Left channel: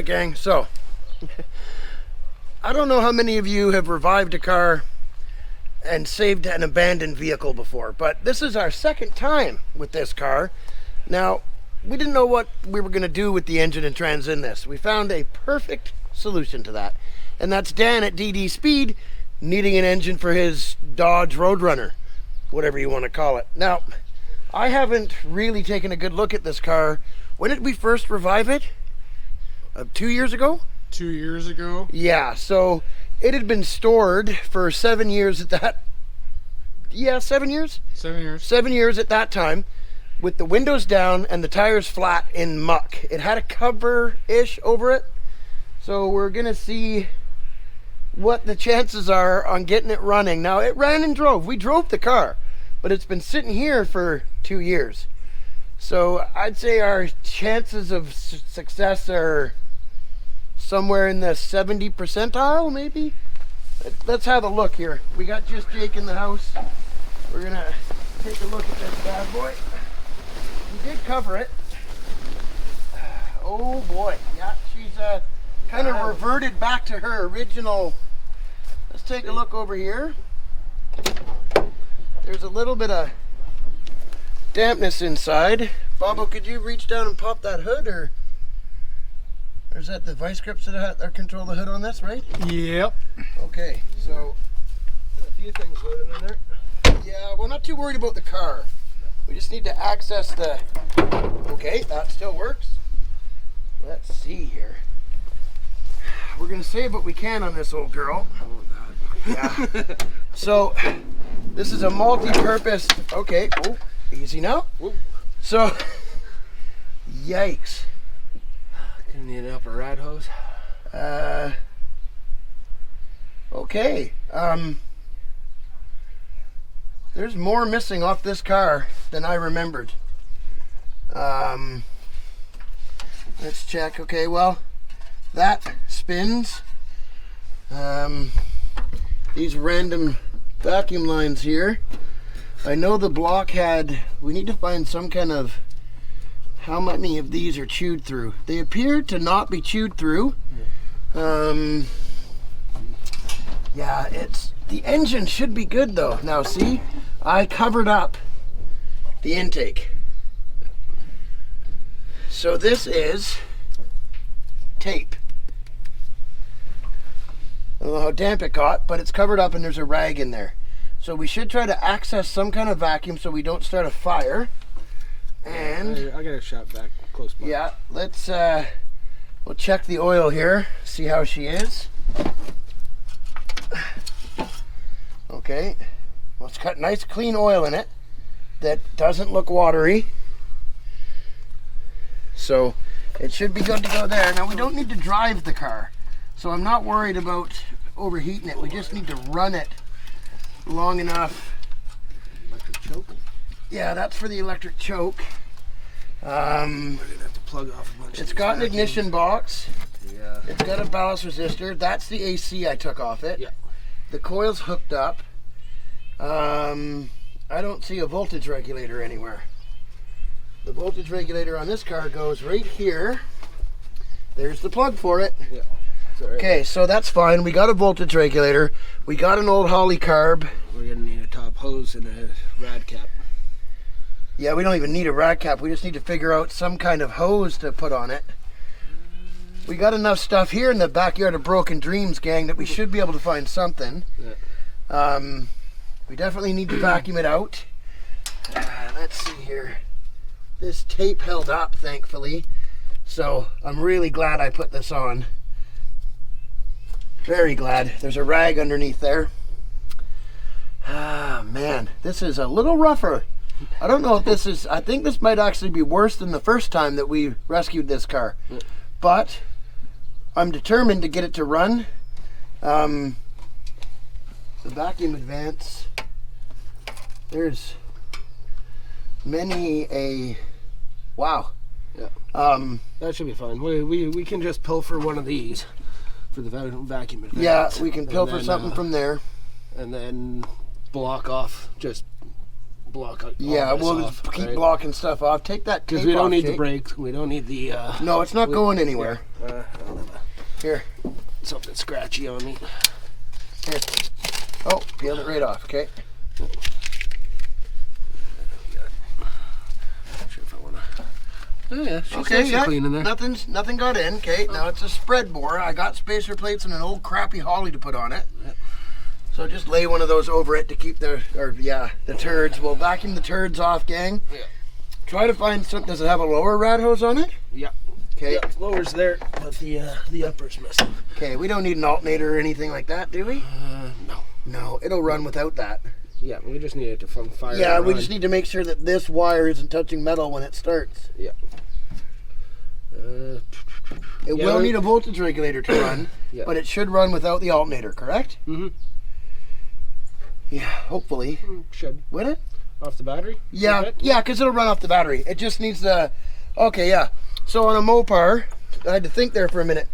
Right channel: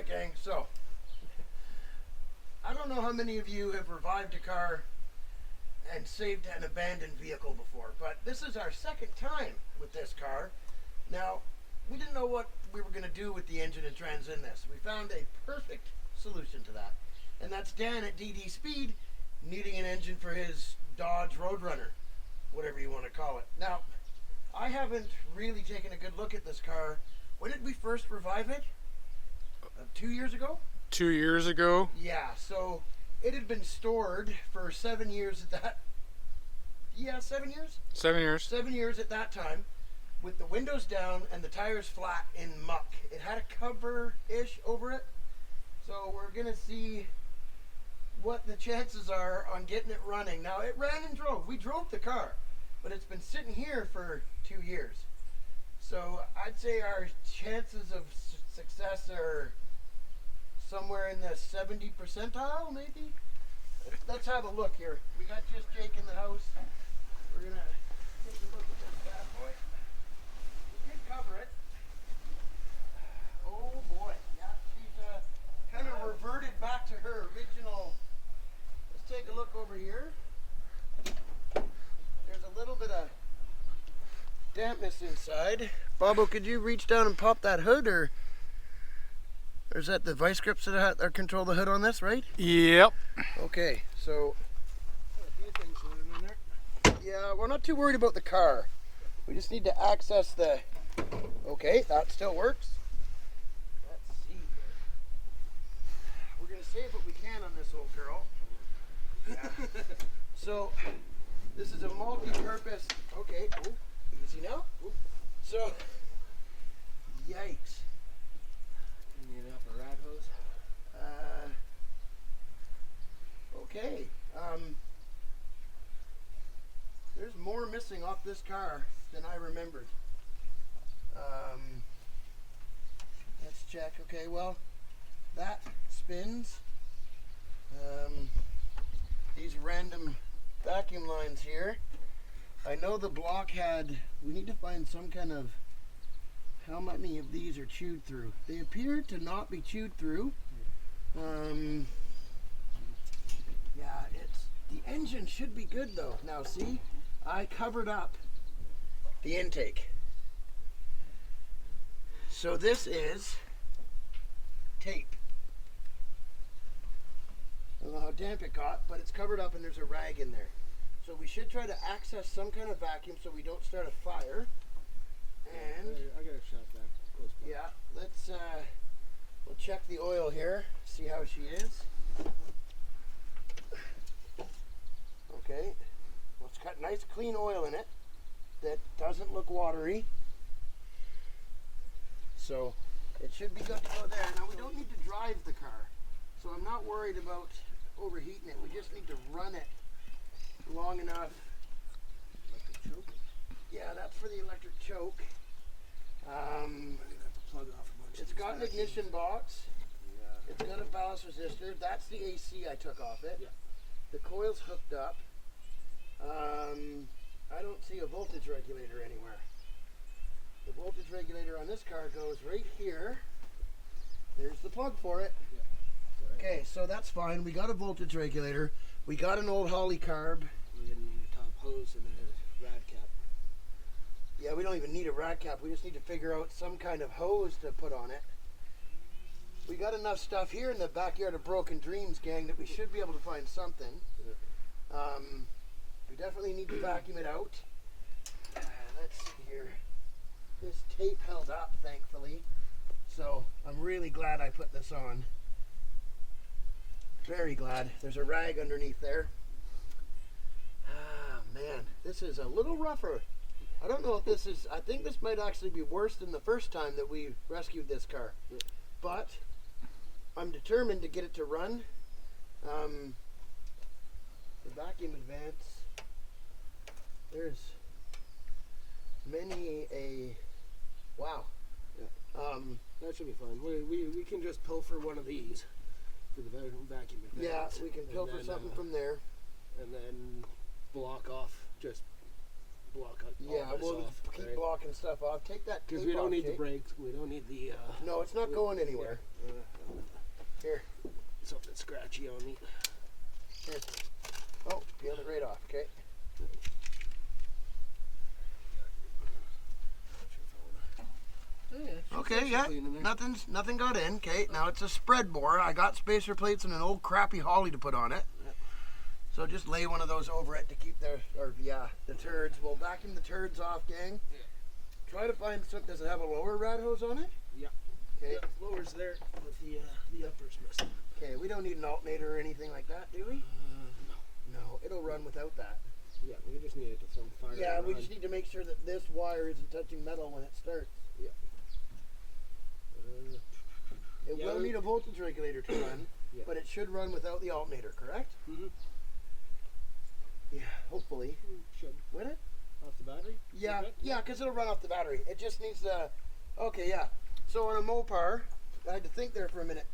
Alright gang, so I don't know how many of you have revived a car and saved an abandoned vehicle before, but this is our second time with this car. Now, we didn't know what we were going to do with the engine and trans in this. We found a perfect solution to that, and that's Dan at DD Speed needing an engine for his Dodge Roadrunner, whatever you want to call it. Now, I haven't really taken a good look at this car. When did we first revive it? 2 years ago? 2 years ago. Yeah, so it had been stored for 7 years at that. Yeah, 7 years? 7 years. 7 years at that time, with the windows down and the tires flat in muck. It had a cover-ish over it, so we're gonna see what the chances are on getting it running. Now, it ran and drove. We drove the car, but it's been sitting here for 2 years. So I'd say our chances of success are somewhere in the 70 percentile, maybe? Let's have a look here. We got just Jake in the house. We're gonna take a look at this bad boy. We did cover it. Oh boy, yeah, she's kind of reverted back to her original. Let's take a look over here. There's a little bit of dampness inside. Bobo, could you reach down and pop that hood, or is that the vice grips that control the hood on this, right? Yep. Okay, so A few things loaded in there. yeah, we're not too worried about the car. We just need to access the. Okay, that still works. Let's see here. We're gonna save what we can on this old girl. Oh God. Yeah. So this is a multi-purpose. Okay. Oh, easy now. Whoa. So, yikes. Gonna need an upper rad hose. Okay. There's more missing off this car than I remembered. Let's check. Okay, well, that spins. These random vacuum lines here. I know the block had, we need to find some kind of, how many of these are chewed through. They appear to not be chewed through. Yeah, the engine should be good though. Now see, I covered up the intake. So this is tape. I don't know how damp it got, but it's covered up and there's a rag in there. So we should try to access some kind of vacuum so we don't start a fire. And I got a shot back close by. yeah, let's we'll check the oil here, see how she is. Okay, well, it's got nice clean oil in it that doesn't look watery, so it should be good to go there. Now we don't need to drive the car, so I'm not worried about overheating it. We just need to run it long enough. Electric choke. Yeah, that's for the electric choke. We're gonna have to plug off a bunch of It's these got an vacuums. ignition box. Yeah. It's got a ballast resistor. That's the AC I took off it. Yeah. The coil's hooked up. I don't see a voltage regulator anywhere. The voltage regulator on this car goes right here. There's the plug for it. Yeah. It's all right. Okay, so that's fine. We got a voltage regulator. We got an old Holly carb. We're gonna need a top hose and a rad cap. Yeah, we don't even need a rad cap. We just need to figure out some kind of hose to put on it. We got enough stuff here in the backyard of Broken Dreams, gang, that we should be able to find something. Yeah. We definitely need to vacuum it out. Let's see here. This tape held up, thankfully. So I'm really glad I put this on. Very glad. There's a rag underneath there. Ah, man, this is a little rougher. I don't know if this is, I think this might actually be worse than the first time that we rescued this car. But I'm determined to get it to run. The vacuum advance, there's many a, wow. Yeah. That should be fine. We can just pilfer one of these for the vacuum advance. Yeah, we can pilfer then, something from there. And then block off just block all Yeah, this we'll off, just keep right? blocking stuff off. Take that tape Because we don't off, need the Jake. brakes. We don't need the... No, it's not going anywhere. Here. Something scratchy on me. Here. Oh, peeled it right off, okay? Not sure if I want to... Oh yeah, she's Okay, nice yeah. and clean in there. Nothing got in. Okay, now it's a spread bore. I got spacer plates and an old crappy Holly to put on it. Yep. So just lay one of those over it to keep the turds. We'll vacuum the turds off, gang. Yeah. Try to find something. Does it have a lower rad hose on it? Yeah. Okay. Yeah, lower's there, but the upper's missing. Okay, we don't need an alternator or anything like that, do we? No. No, it'll run without that. Yeah, we just need it to fire. Yeah, and we run. just need to make sure that this wire isn't touching metal when it starts. Yeah. It Yeah, will we- need a voltage regulator to run, Yeah. but it should run without the alternator, correct? Mm-hmm. Yeah, hopefully. Should. Would it? Off the battery? Yeah, Okay. yeah, because it'll run off the battery. It just needs the... Okay, yeah. So on a Mopar, I had to think there for a minute.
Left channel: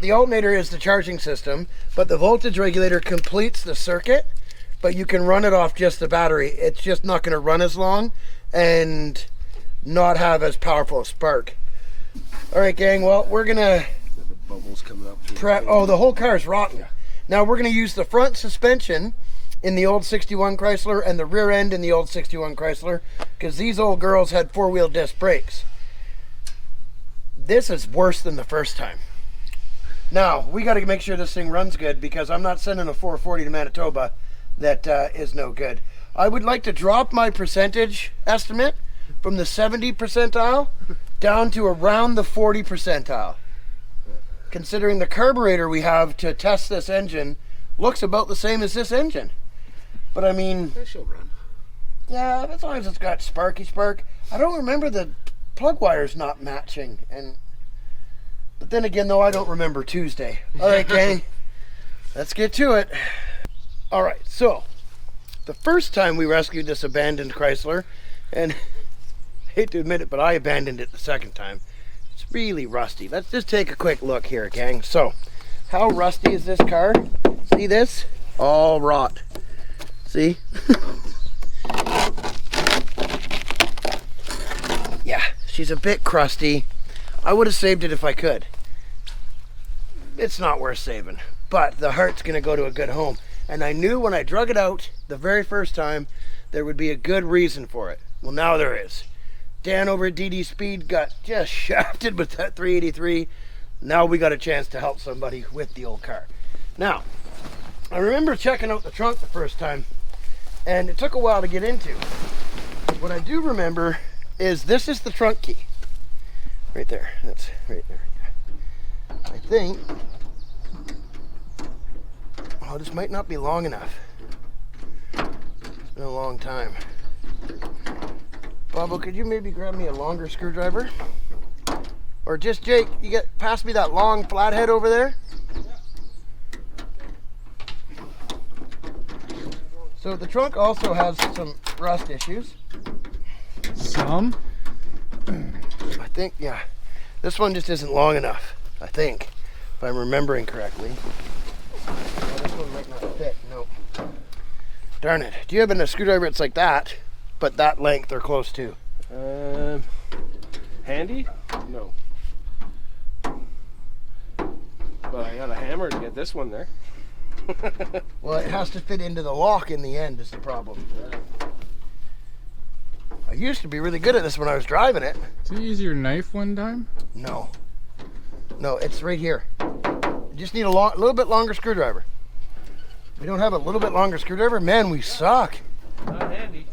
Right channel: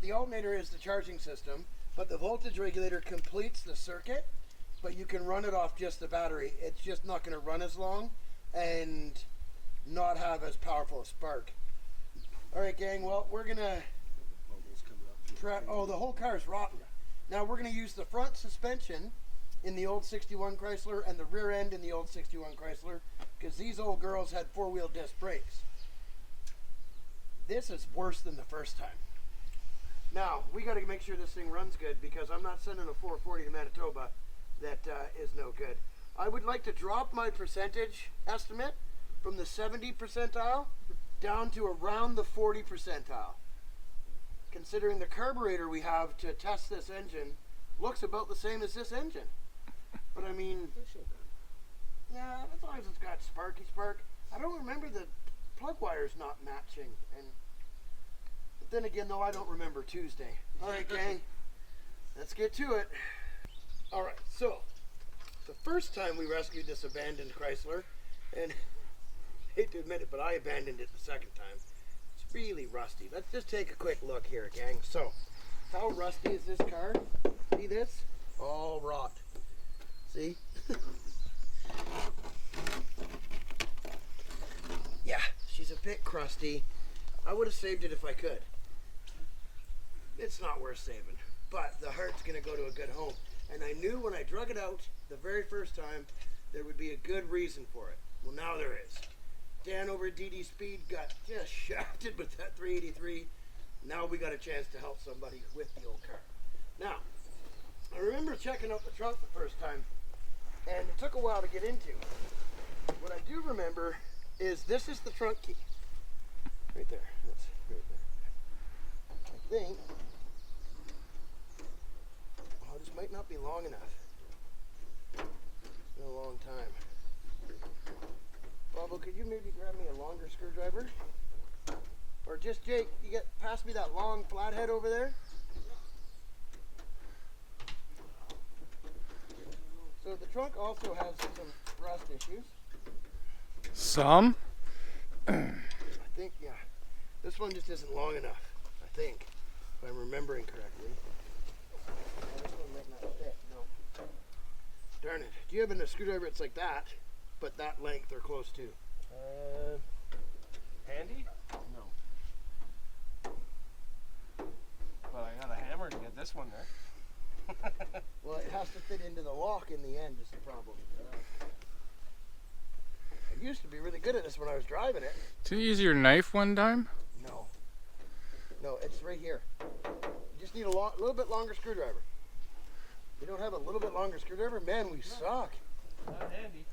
The alternator is the charging system, but the voltage regulator completes the circuit, but you can run it off just the battery. It's just not going to run as long and not have as powerful a spark. All right, gang, well, we're going to... The bubbles coming up. prep. Oh, the whole car is rotten. Yeah. Now we're going to use the front suspension in the old 61 Chrysler and the rear end in the old 61 Chrysler because these old girls had four-wheel disc brakes. This is worse than the first time. Now, we got to make sure this thing runs good because I'm not sending a 440 to Manitoba that is no good. I would like to drop my percentage estimate from the 70 percentile down to around the 40 percentile. Considering the carburetor we have to test this engine looks about the same as this engine. But I mean, She'll run. yeah, as long as it's got sparky spark. I don't remember the plug wires not matching. But then again, though, I don't remember Tuesday. All right, gang, let's get to it. All right, so the first time we rescued this abandoned Chrysler, and I hate to admit it, but I abandoned it the second time. It's really rusty. Let's just take a quick look here, gang. So, how rusty is this car? See this? All rot. See? Yeah, she's a bit crusty. I would have saved it if I could. It's not worth saving, but the heart's gonna go to a good home. And I knew when I drug it out the very first time, there would be a good reason for it. Well, now there is. Dan over at DD Speed got just shafted with that 383. Now we got a chance to help somebody with the old car. Now, I remember checking out the trunk the first time, and it took a while to get into. What I do remember is this is the trunk key. Right there. That's right there. I think... Oh, this might not be long enough. It's been a long time. Bobo, could you maybe grab me a longer screwdriver? Or just Jake, you pass me that long flathead over there? So the trunk also has some rust issues. Some? I think, yeah. This one just isn't long enough, I think, if I'm remembering correctly. Oh, this one might not fit, nope. Darn it. Do you have a screwdriver that's like that, but that length or close to? Handy? No. But I got a hammer to get this one there. Well, it has to fit into the lock in the end is the problem. I used to be really good at this when I was driving it. Did you use your knife one time? No. No, it's right here. You just need a little bit longer screwdriver. We don't have a little bit longer screwdriver? Man, we suck. Not handy.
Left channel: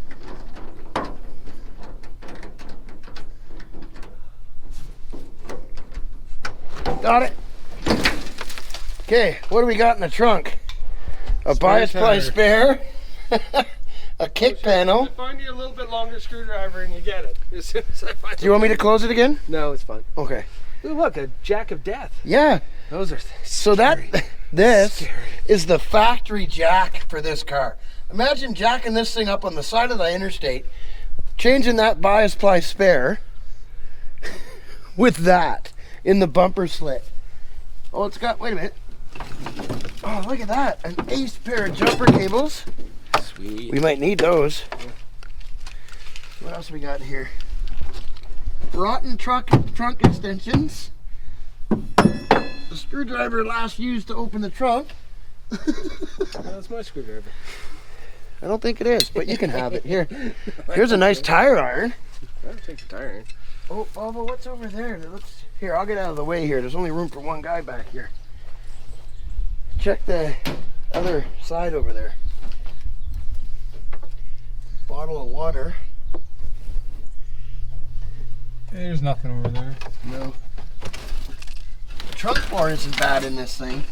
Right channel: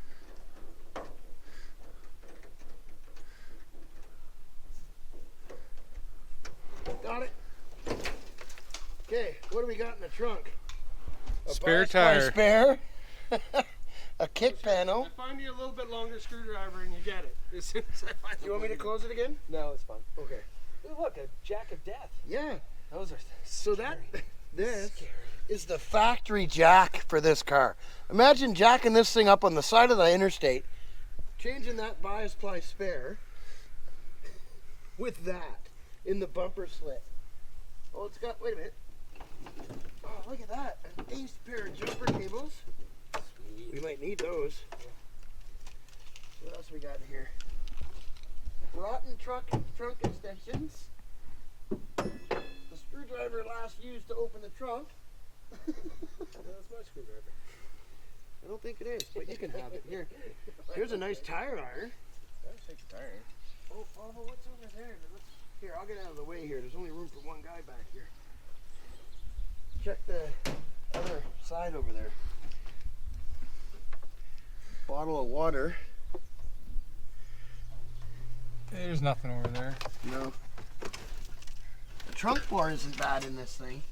Got it. Okay, what do we got in the trunk? A Spare bias ply tire. spare, a kick panel. I find you a little bit longer screwdriver and you get it. As soon as I find Do you want me to close it again? No, it's fine. Okay. Ooh, look, a jack of death. Yeah. Those are So scary. this Scary. is the factory jack for this car. Imagine jacking this thing up on the side of the interstate, changing that bias ply spare with that in the bumper slit. Oh, it's got, wait a minute. Oh, look at that. An ace pair of jumper cables. Sweet. We might need those. What else we got here? Rotten trunk extensions. The screwdriver last used to open the trunk. That's my screwdriver. I don't think it is, but you can have it. Here. Here's a nice tire iron. I'll take the tire iron. Oh, Bobo, what's over there? That looks... Here, I'll get out of the way here. There's only room for one guy back here. Check the other side over there. Bottle of water. There's nothing over there. No. The trunk bar isn't bad in this thing.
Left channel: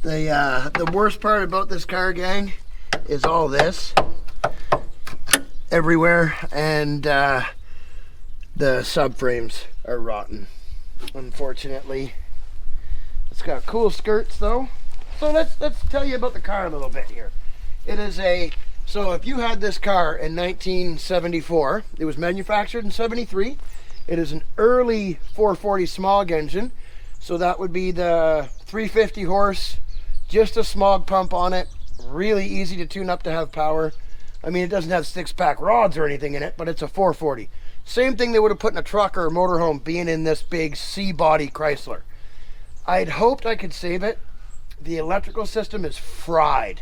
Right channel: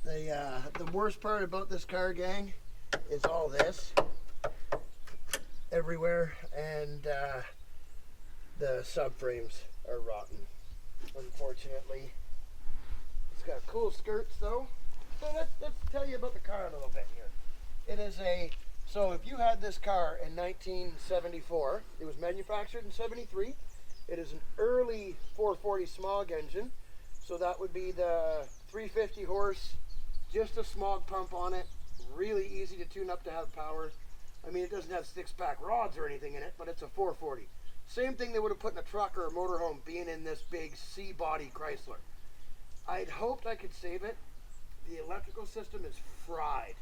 The worst part about this car, gang, is all this everywhere, and the subframes are rotten, unfortunately. It's got cool skirts though. So let's tell you about the car a little bit here. It is so if you had this car in 1974, it was manufactured in 73. It is an early 440 smog engine. So that would be the 350 horse, just a smog pump on it. Really easy to tune up to have power. I mean, it doesn't have 6-pack rods or anything in it, but it's a 440. Same thing they would have put in a truck or a motorhome being in this big C-body Chrysler. I'd hoped I could save it. The electrical system is fried.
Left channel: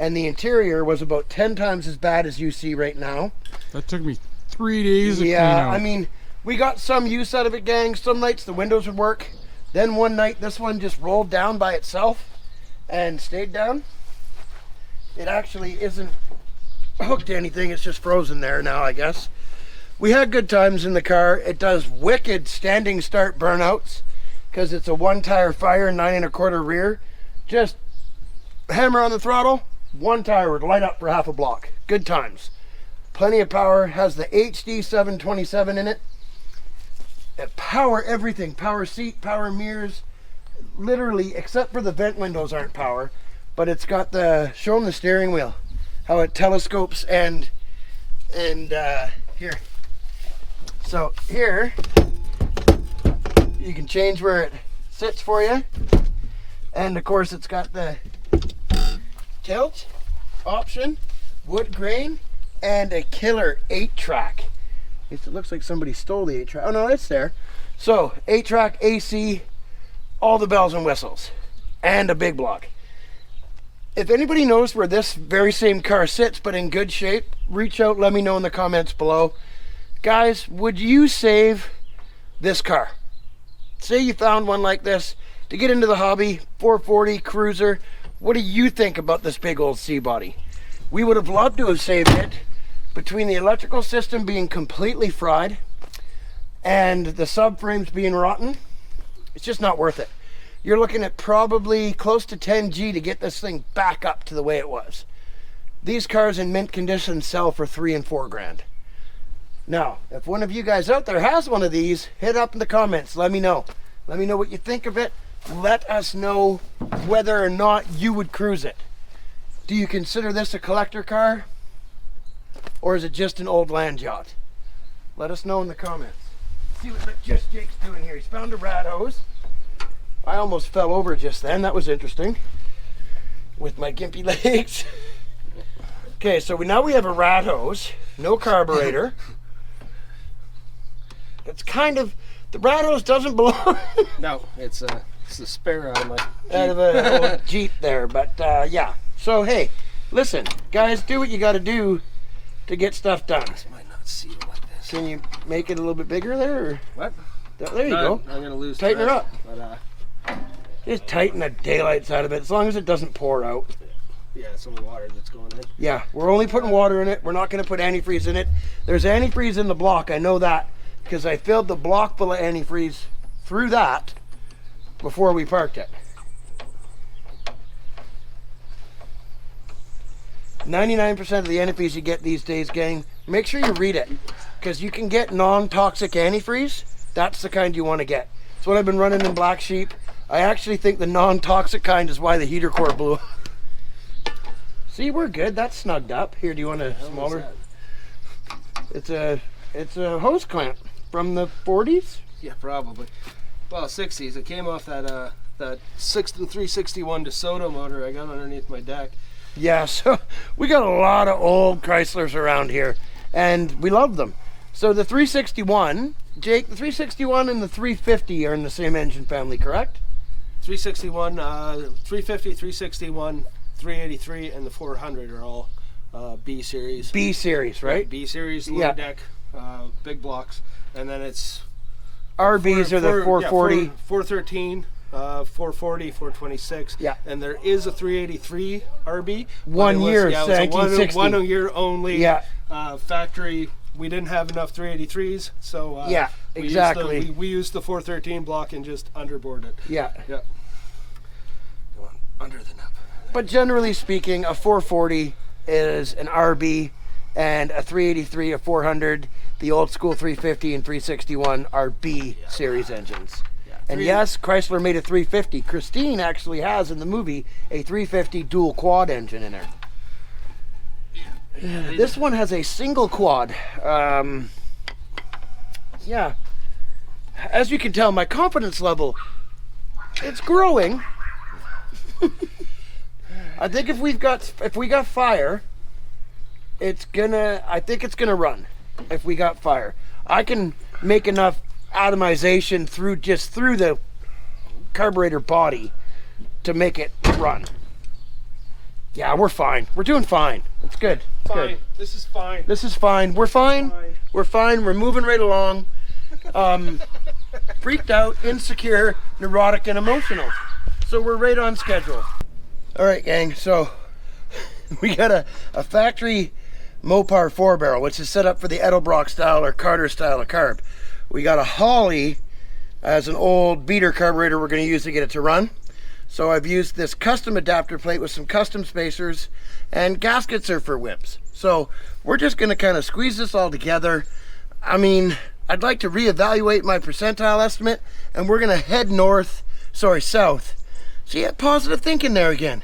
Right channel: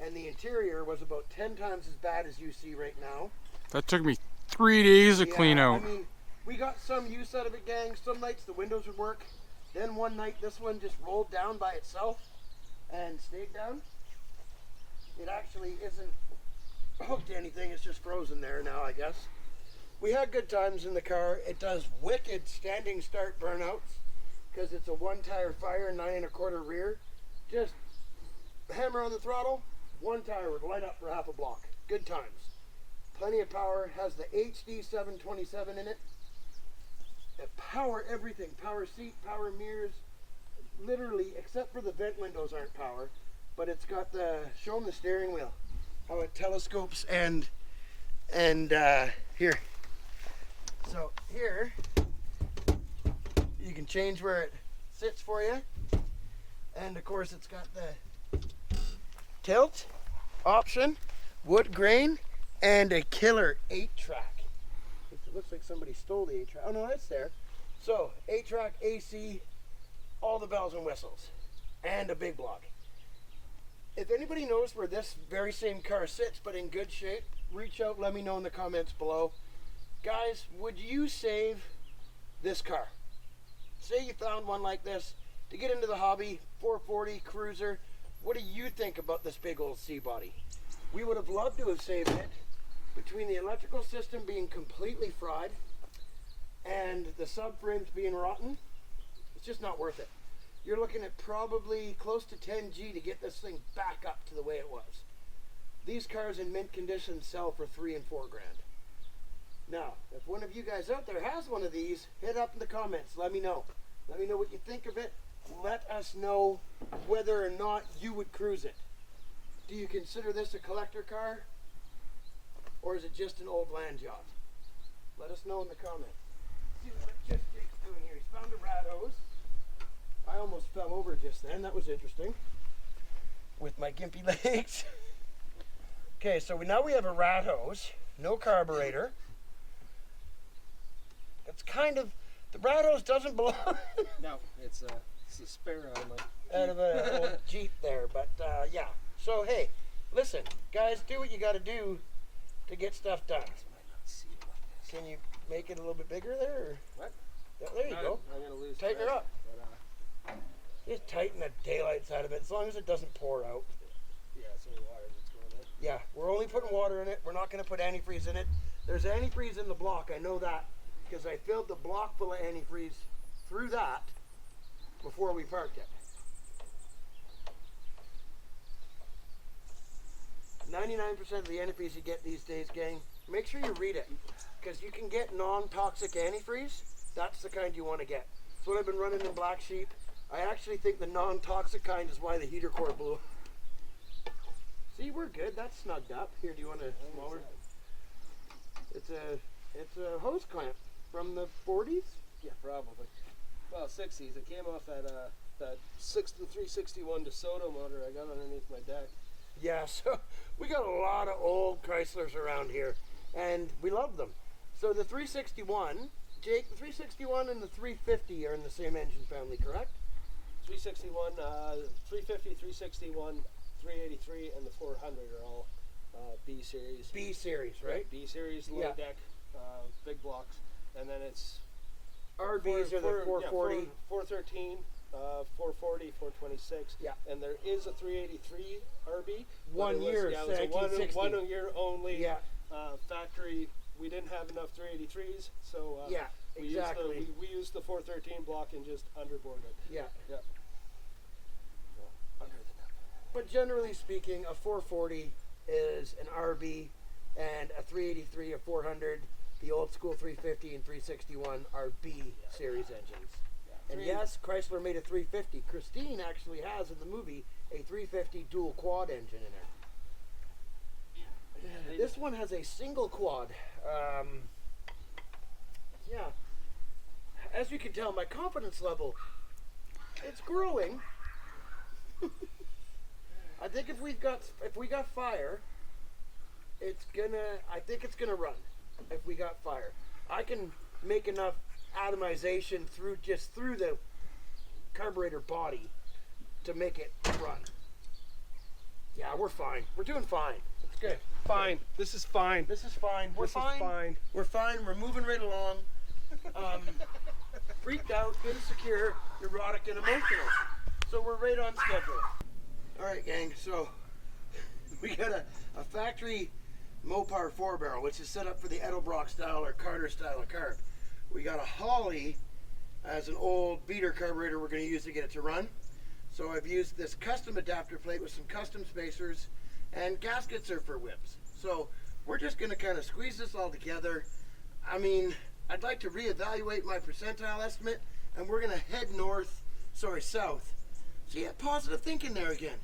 And the interior was about 10 times as bad as you see right now. That took me 3 days to clean out. I mean, we got some use out of it, gang. Some nights the windows would work. Then one night this one just rolled down by itself and stayed down. It actually isn't hooked to anything. It's just frozen there now, I guess. We had good times in the car. It does wicked standing start burnouts because it's a 1-tire fire, 9 1/4 rear. Just hammer on the throttle, 1 tire would light up for half a block. Good times. Plenty of power. Has the HD 727 in it. Power everything. Power seat, power mirrors. Literally, except for the vent windows aren't power. But it's got the, show them the steering wheel. How it telescopes and here. So here, you can change where it sits for you. And of course it's got the tilt option, wood grain, and a killer 8-track. It looks like somebody stole the 8-track. Oh no, it's there. So 8-track AC, all the bells and whistles, and a big block. If anybody knows where this very same car sits but in good shape, reach out, let me know in the comments below. Guys, would you save this car? Say you found one like this to get into the hobby, 440 cruiser. What do you think about this big old C-body? We would have loved to have saved it. Between the electrical system being completely fried and the subframes being rotten, it's just not worth it. You're looking at probably close to 10 G to get this thing back up to the way it was. These cars in mint condition sell for $3 and $4 grand. Now, if one of you guys out there has one of these, hit up in the comments. Let me know. Let me know what you think of it. Let us know whether or not you would cruise it. Do you consider this a collector car? Or is it just an old land yacht? Let us know in the comments. See what Just Jake's doing here. He's found a rat hose. I almost fell over just then. That was interesting. With my gimpy legs. Okay, so now we have a rat hose. No carburetor. It's kind of... The rat hose doesn't belong... No, it's the spare out of my Jeep. Out of a old Jeep there. But yeah. So hey, listen. Guys, do what you got to do to get stuff done. This might not seal like this. Can you make it a little bit bigger there? Or? What? There you go. I'm going to lose Tighten her up. But, Just tighten the daylights out of it, as long as it doesn't pour out. yeah, it's only water that's going in. Yeah, we're only putting water in it. We're not going to put antifreeze in it. There's antifreeze in the block. I know that because I filled the block full of antifreeze through that before we parked it. 99% of the antifreeze you get these days, gang, make sure you read it because you can get non-toxic antifreeze. That's the kind you want to get. That's what I've been running in Black Sheep. I actually think the non-toxic kind is why the heater core blew. See, we're good. That's snugged up. Here, do you want a smaller? It's a hose clamp from the 40s. Yeah, probably. Well, 60s. It came off that 361 DeSoto motor I got underneath my deck. Yeah, so we got a lot of old Chryslers around here. and we love them. So the 361, Jake, the 361 and the 350 are in the same engine family, correct? 361, 350, 361, 383, and the 400 are all B series. B series, right? B series, low Yeah. deck, big blocks, and then it's RBs are the 440. 413, 440, 426. Yeah. And there is a 383 RB. 1 year, it was a 1960. one year only. Yeah. Factory. We didn't have enough 383s, so Yeah, exactly. We used the 413 block and just underboard it. Yeah. Yeah. Go on, under the nub. But generally speaking, a 440 is an RB, and a 383, a 400, the old school 350 and 361 are B series engines. Yeah. And yes, Chrysler made a 350. Christine actually has in the movie a 350 dual quad engine in her. This one has a single quad. Yeah. As you can tell, my confidence level, it's growing. I think if we got fire, I think it's gonna run. If we got fire, I can make enough atomization through the carburetor body to make it run. Yeah, we're fine. We're doing fine. It's good. It's Fine. good. This is fine. This is fine. We're fine. fine. We're fine. We're moving right along. Freaked out, insecure, neurotic, and emotional. So we're right on schedule. All right, gang. So we got a factory Mopar 4-barrel, which is set up for the Edelbrock style or Carter style of carb. We got a Holly as an old beater carburetor we're going to use to get it to run. So I've used this custom adapter plate with some custom spacers, and gaskets are for whips. So we're just going to kind of squeeze this all together. I mean, I'd like to reevaluate my percentile estimate, and we're going to head south. See, positive thinking there again.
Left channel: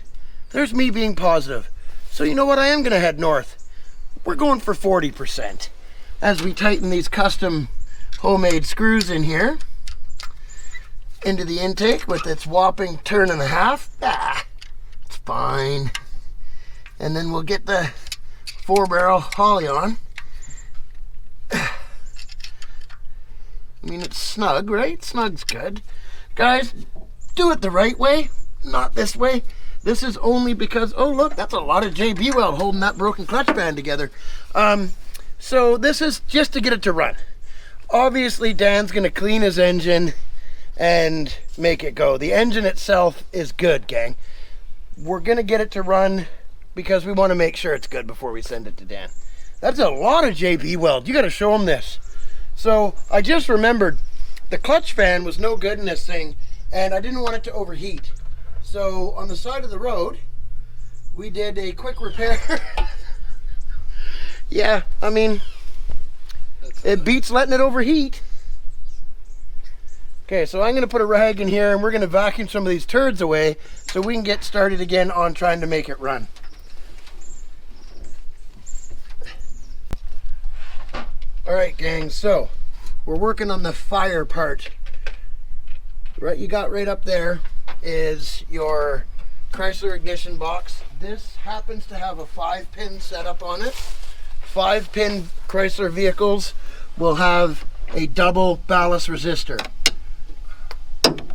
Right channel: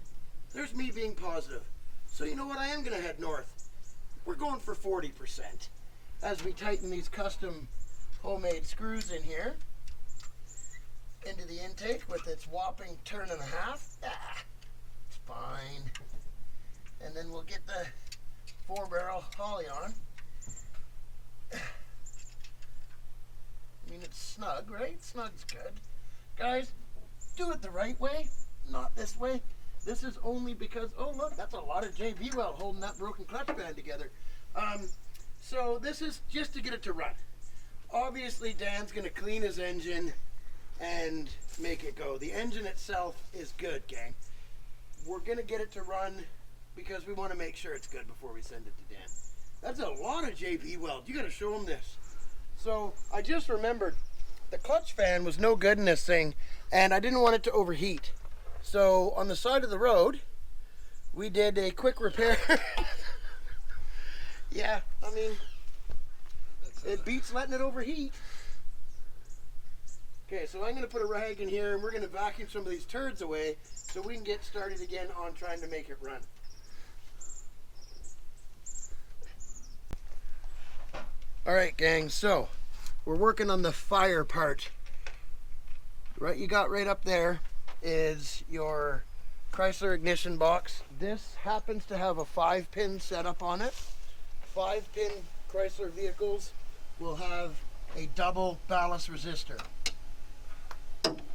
There's me being positive. So you know what? I am going to head north. We're going for 40% as we tighten these custom homemade screws in here into the intake with its whopping turn and a half. It's fine. And then we'll get the 4-barrel Holly on. I mean, it's snug, right? Snug's good. Guys, do it the right way, not this way. This is only because, oh look, that's a lot of JB weld holding that broken clutch band together. So this is just to get it to run. Obviously, Dan's gonna clean his engine and make it go. The engine itself is good, gang. We're gonna get it to run because we want to make sure it's good before we send it to Dan. That's a lot of JB weld. You got to show him this. So I just remembered the clutch fan was no good in this thing, and I didn't want it to overheat. So on the side of the road, we did a quick repair. Yeah, I mean, it beats letting it overheat. Okay, so I'm going to put a rag in here, and we're going to vacuum some of these turds away so we can get started again on trying to make it run. All right, gang, so we're working on the fire part. Right, you got right up there is your Chrysler ignition box. This happens to have a 5-pin setup on it. 5-pin Chrysler vehicles will have a double ballast resistor.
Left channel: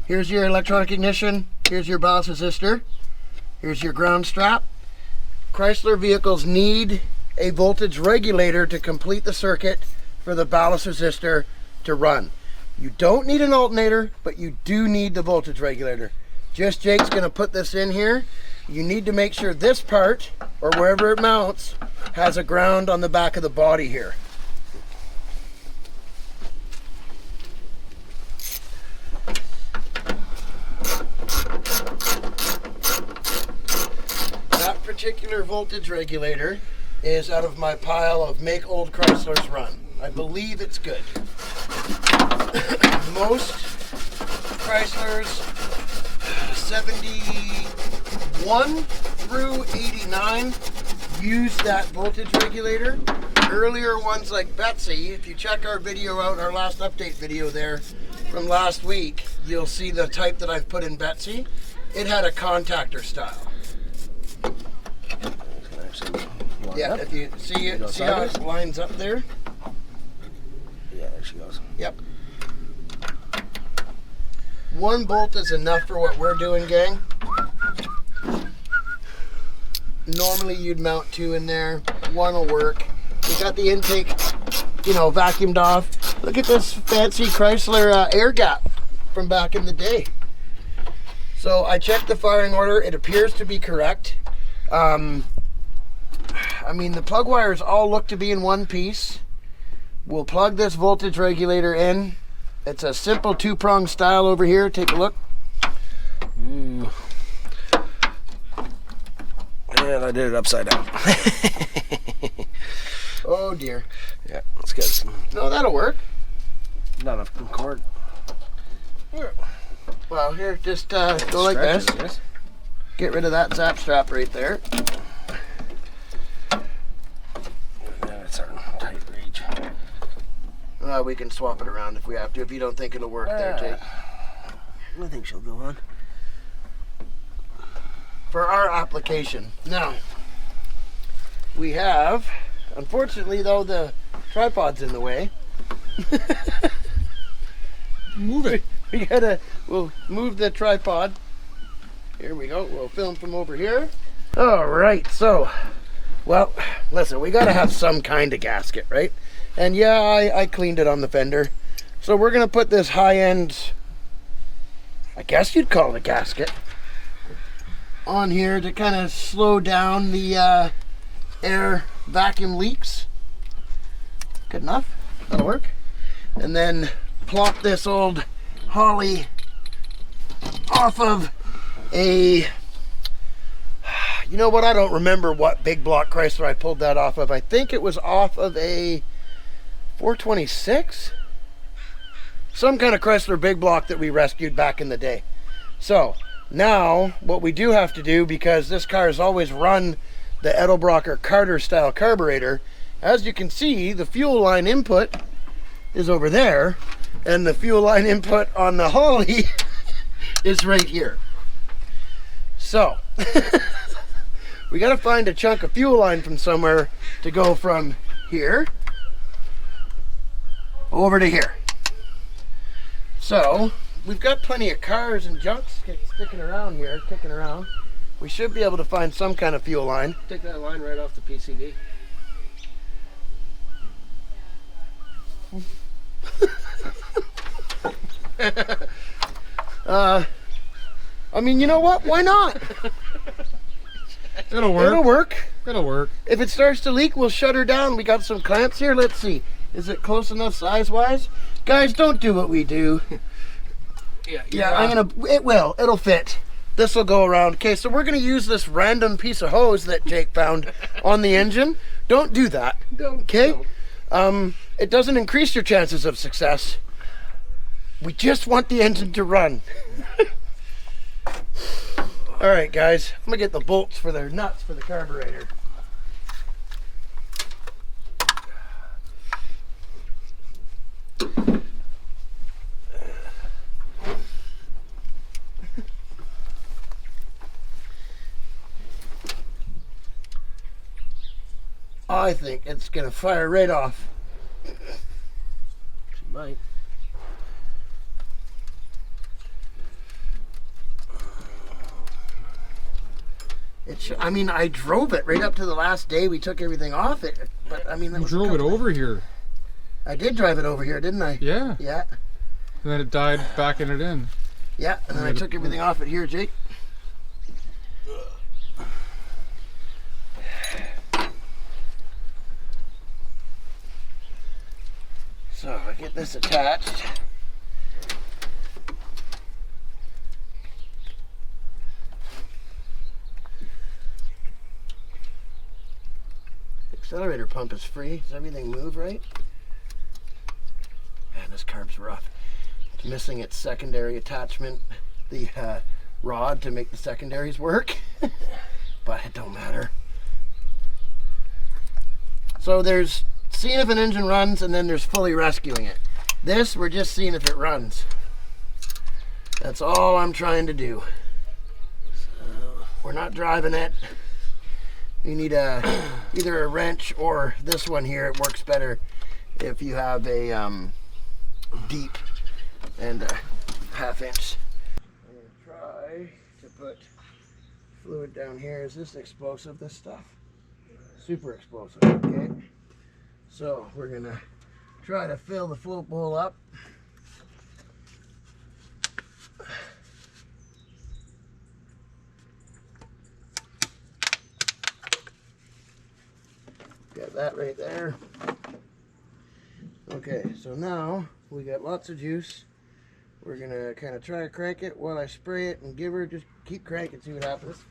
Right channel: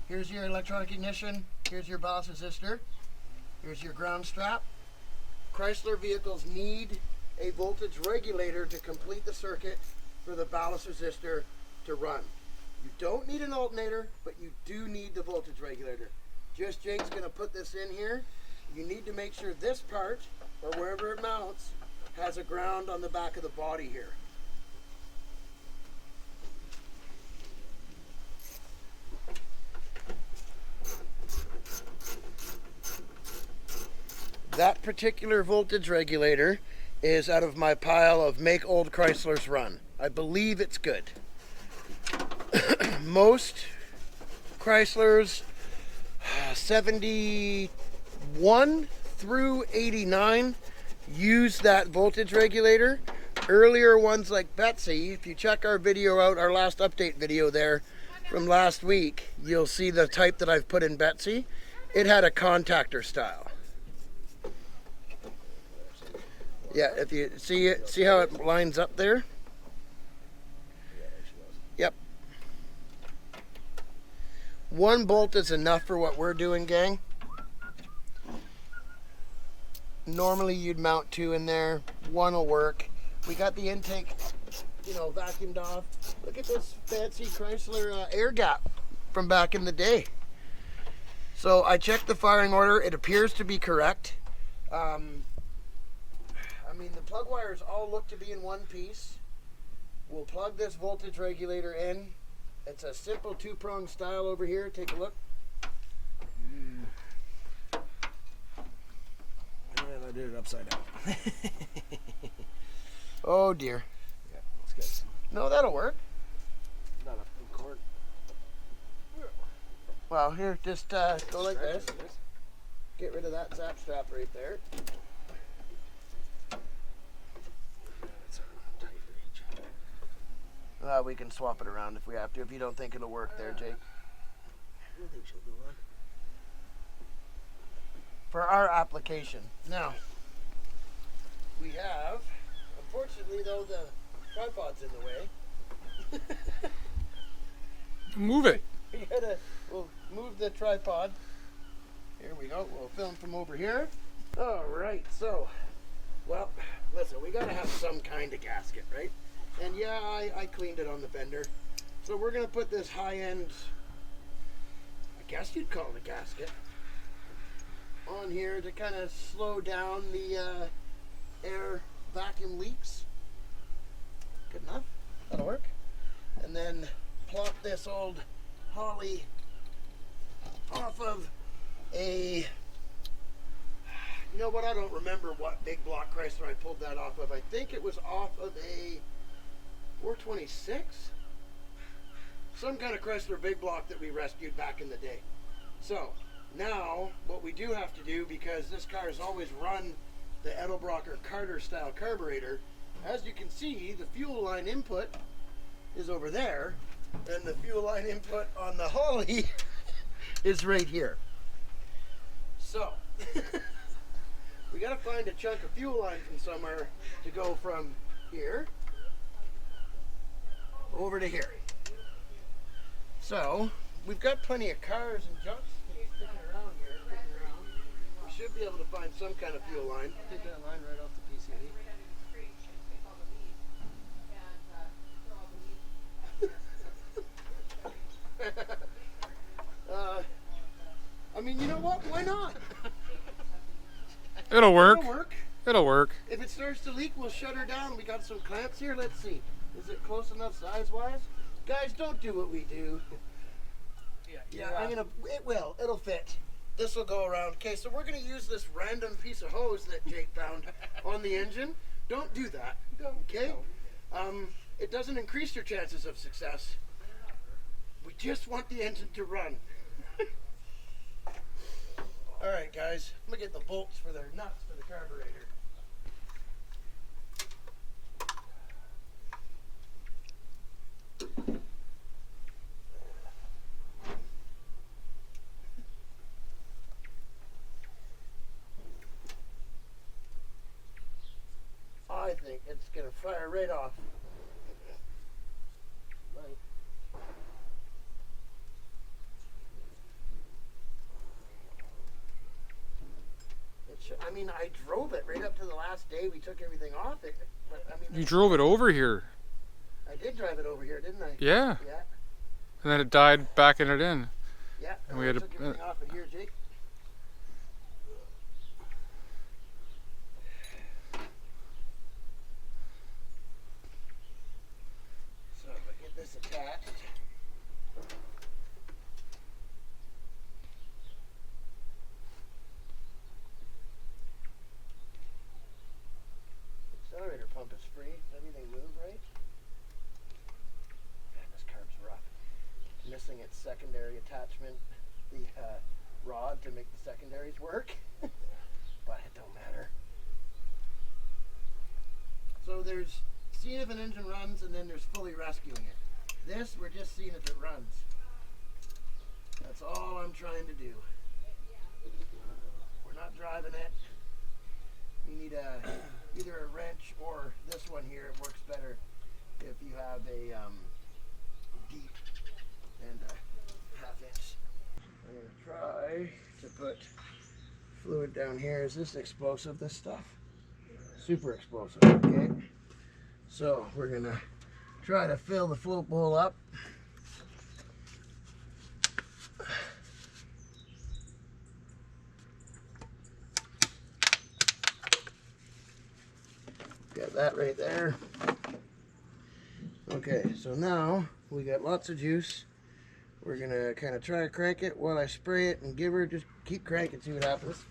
Here's your electronic ignition. Here's your ballast resistor. Here's your ground strap. Chrysler vehicles need a voltage regulator to complete the circuit for the ballast resistor to run. You don't need an alternator, but you do need the voltage regulator. Just Jake's gonna put this in here. You need to make sure this part, or wherever it mounts, has a ground on the back of the body here. That particular voltage regulator is out of my pile of Make Old Chryslers Run. I believe it's good. Most Chryslers 71 through 89 use that voltage regulator. Earlier ones like Betsy, if you check our video out, our last update video there from last week, you'll see the type that I've put in Betsy. It had a contactor style. Yeah, Yep. if you see it, Go see how sideways? it lines up there? Yeah, there she goes. Yep. One bolt is enough for what we're doing, gang. Normally you'd mount 2 in there. 1 will work. We got the intake, you know, vacuumed off. Look at this fancy Chrysler air gap from back in the day. So I checked the firing order. It appears to be correct. I mean, the plug wires all look to be in one piece. We'll plug this voltage regulator in. It's a simple 2-prong style over here. Take a look. Ooh. And I did it upside down. Oh dear. Yeah, let's get some. No, that'll work. Not enough cord. Well, here, just go like this. Stretch it, yes. Get rid of that zap strap right there. Yeah, that's our tight reach. We can swap it around if we have to, if you don't think it'll work there, Jake. I think she'll go on. For our application. Now, we have, unfortunately though, the tripod's in the way. Move it. We'll move the tripod. Here we go. We'll film from over here. All right, so, well, listen, we gotta have some kind of gasket, right? And yeah, I cleaned it on the fender. So we're gonna put this high-end, I guess you'd call it a gasket, on here to kind of slow down the air vacuum leaks. Good enough. That'll work. And then plop this old Holly off of a, you know what, I don't remember what big block Chrysler I pulled that off of. I think it was off of a 426, some kind of Chrysler big block that we rescued back in the day. So now what we do have to do, because this car has always run the Edelbrocker Carter style carburetor, as you can see, the fuel line input is over there, and the fuel line input on the Holly is right here. So we got to find a chunk of fuel line from somewhere to go from here over to here. So we've got plenty of cars and junk sticking around here, kicking around. We should be able to find some kind of fuel line. Take that line right off the PCV. I mean, you know what? Why not? It'll work. It'll work. It'll work. If it starts to leak, we'll shut her down. We got some clamps here. Let's see. Is it close enough size-wise? Guys, don't do what we do. Yeah, it'll fit. This will go around. Okay, so we're gonna use this random piece of hose that Jake found on the engine. Don't do that. Okay? It doesn't increase your chances of success. We just want the engine to run. All right, guys, I'm gonna get the bolts for their nuts for the carburetor. I think it's gonna fire right off. She might. I mean, I drove it right up to the last day we took everything off it, but I mean, You drove it over here. I did drive it over here, didn't I? Yeah. Yeah, And then it died backing it in. yeah. And then I took everything off it here, Jake. So I get this attached. Accelerator pump is free. Does everything move right? Man, this carb's rough. It's missing its secondary attachment, the rod to make the secondaries work, but it don't matter. So there's seeing if an engine runs, and then there's fully rescuing it. This, we're just seeing if it runs. That's all I'm trying to do. We're not driving it. You need either a wrench or this one here. It works better if you have a deep and a 1/2 inch. I'm going to try to put fluid down here. Is this explosive, this stuff? Super explosive, okay? So we're going to try to fill the float bowl up. Got that right there. Okay, so now we got lots of juice. We're gonna kind of try to crank it while I spray it and give her, just keep cranking, see what happens.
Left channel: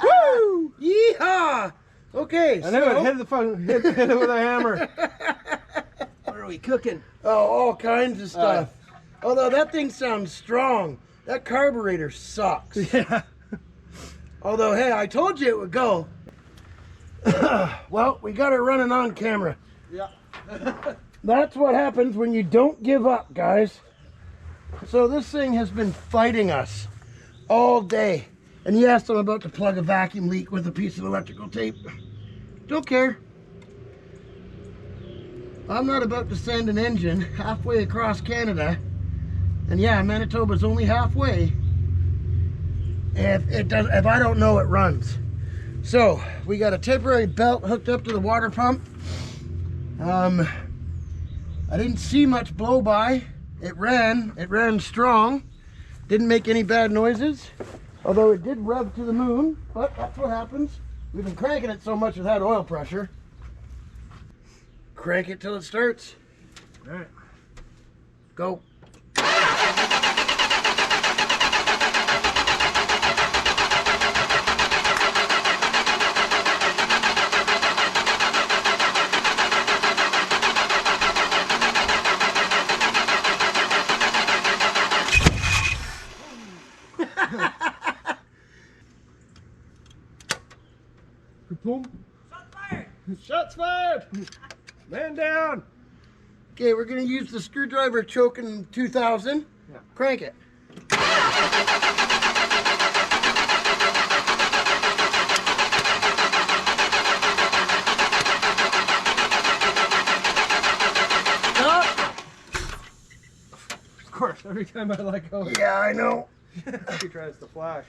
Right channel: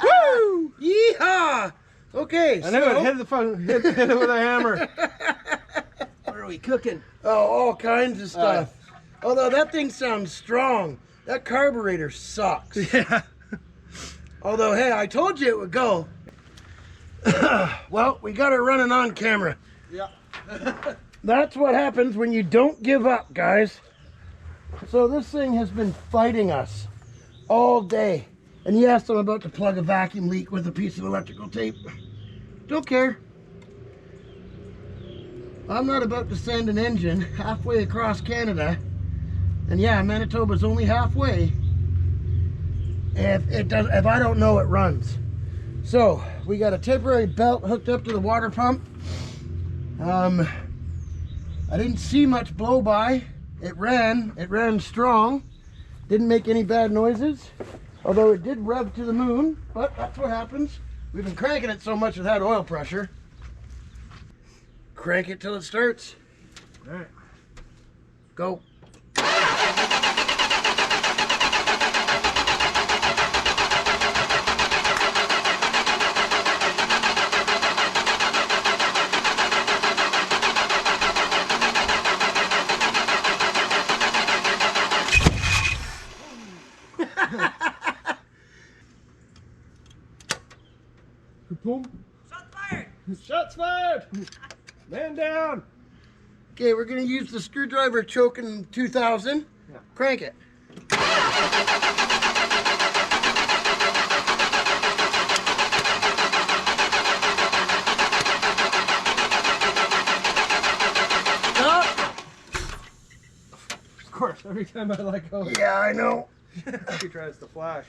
Woo! Yeehaw! Okay, I knew it. Hit the phone. Hit it with a hammer. What are we cooking? Oh, all kinds of stuff. Although that thing sounds strong. That carburetor sucks. Yeah. Although, hey, I told you it would go. Well, we got her running on camera. Yeah. That's what happens when you don't give up, guys. So this thing has been fighting us all day. And yes, I'm about to plug a vacuum leak with a piece of electrical tape. Don't care. I'm not about to send an engine halfway across Canada. And yeah, Manitoba's only halfway. If I don't know it runs. So we got a temporary belt hooked up to the water pump. I didn't see much blow by. It ran strong. Didn't make any bad noises. Although it did rev to the moon, but that's what happens. We've been cranking it so much without oil pressure. Crank it till it starts. All right. Go. Boom. Shots fired. Shots fired. Man down. Okay, we're gonna use the screwdriver choking 2000. Yeah. Crank it. Stop. Of course, every time I let go, Yeah, I know. she tries to flash.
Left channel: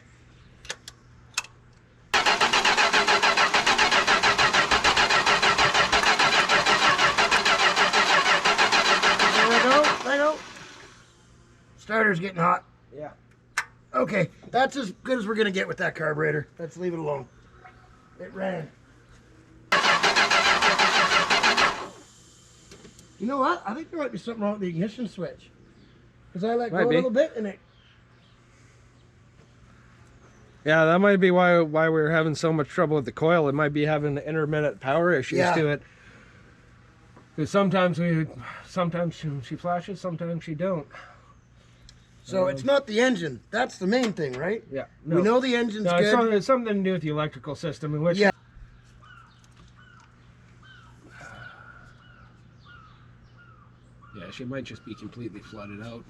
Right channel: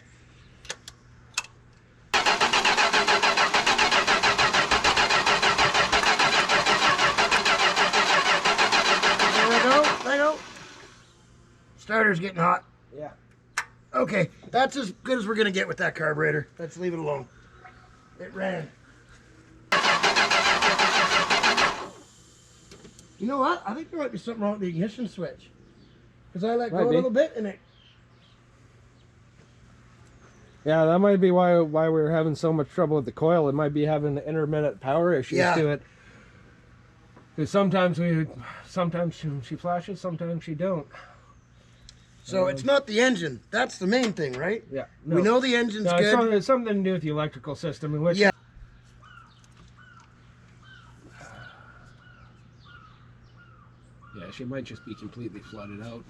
There we go. Starter's getting hot. Yeah. Okay, that's as good as we're gonna get with that carburetor. Let's leave it alone. It ran. You know what? I think there might be something wrong with the ignition switch. Because I let go a little bit and it... Yeah, that might be why we're having so much trouble with the coil. It might be having intermittent power issues to it. Because sometimes she flashes, sometimes she don't. So it's not the engine. That's the main thing, right? Yeah. We know the engine's good. It's something to do with the electrical system. In which Yeah. Yeah, she might just be completely flooded out.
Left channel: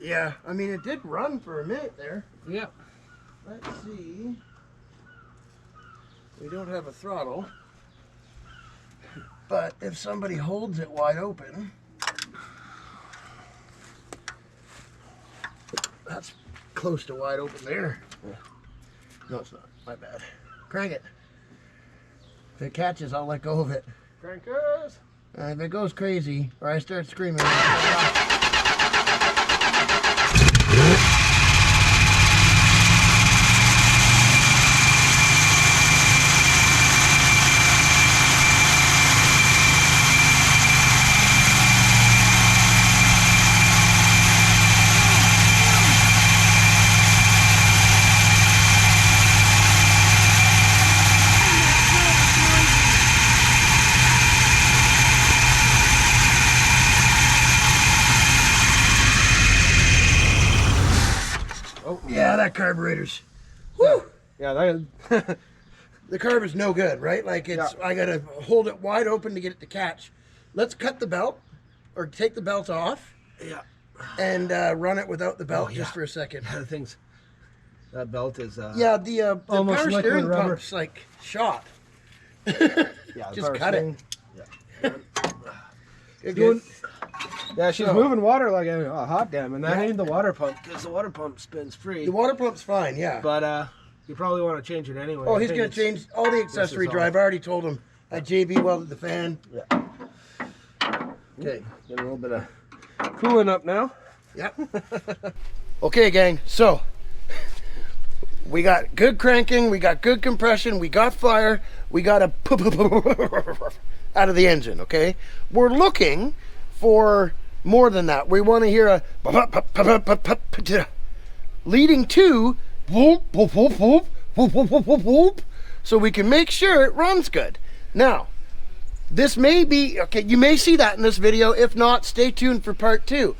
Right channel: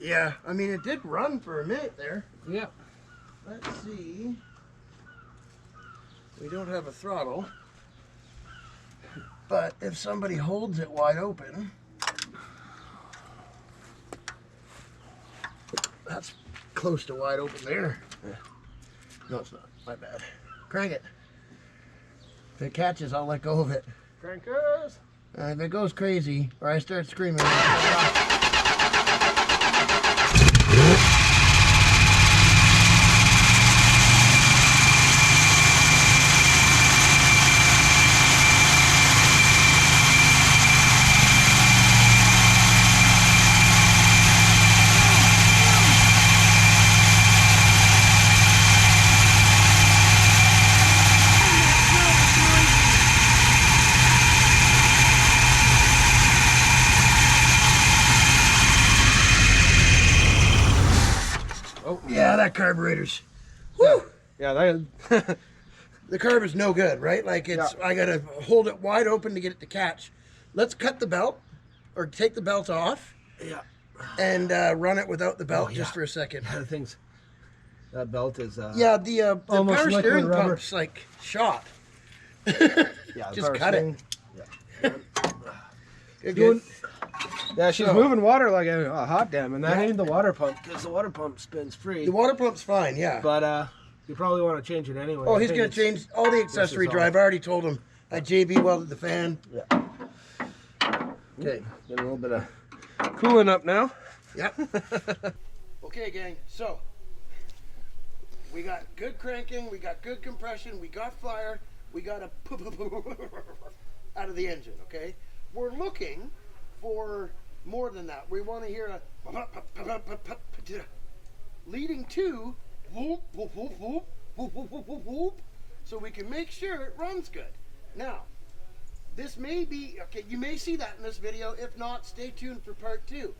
Yeah, I mean, it did run for a minute there. Yeah. Let's see. We don't have a throttle. But if somebody holds it wide open, that's close to wide open there. Yeah. No, it's not. My bad. Crank it. If it catches, I'll let go of it. Crankers! If it goes crazy, or I start screaming. carburetors. Woo! Yeah, that, The carb is no good, right? Like it's, I gotta hold it wide open to get it to catch. Let's cut the belt, or take the belt off, and run it without the belt just for a second. the things. That belt is. Yeah, the almost power liquid steering rubber. pump's like shot. Yeah, Just cut it. Yeah. Good, Doing- good. Yeah, she's So- moving water like a hot dam, and that ain't the water pump because the water pump spins free. The water pump's fine, yeah. But you probably want to change it anyway. Oh, I he's think gonna it's- change all the accessory all. drive. I already told him. I JB welded the fan. Yeah. Okay, getting a little bit of cooling up now. Yep. Okay, gang. So we got good cranking, we got good compression, we got fire, we got a out of the engine. Okay, we're looking for more than that. We want to hear a leading to whoop, whoop, whoop, whoop, whoop, whoop, whoop, whoop, whoop, so we can make sure it runs good. Now, this may be okay. You may see that in this video. If not, stay tuned for part 2.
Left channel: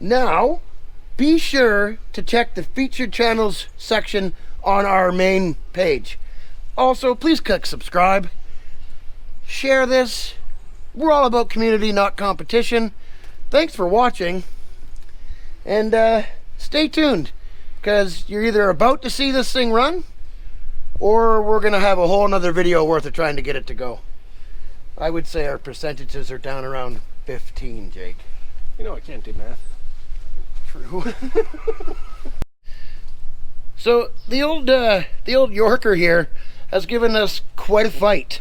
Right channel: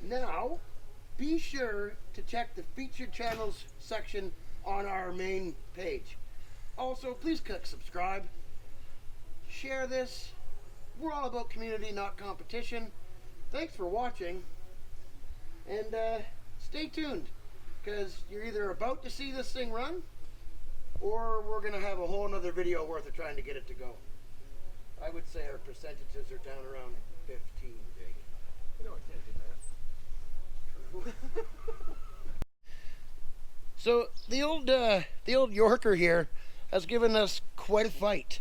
Now, be sure to check the featured channels section on our main page. Also, please click subscribe. Share this. We're all about community, not competition. Thanks for watching. And stay tuned, because you're either about to see this thing run, or we're going to have a whole nother video worth of trying to get it to go. I would say our percentages are down around 15, Jake. You know I can't do math. True. So the old Yorker here has given us quite a fight.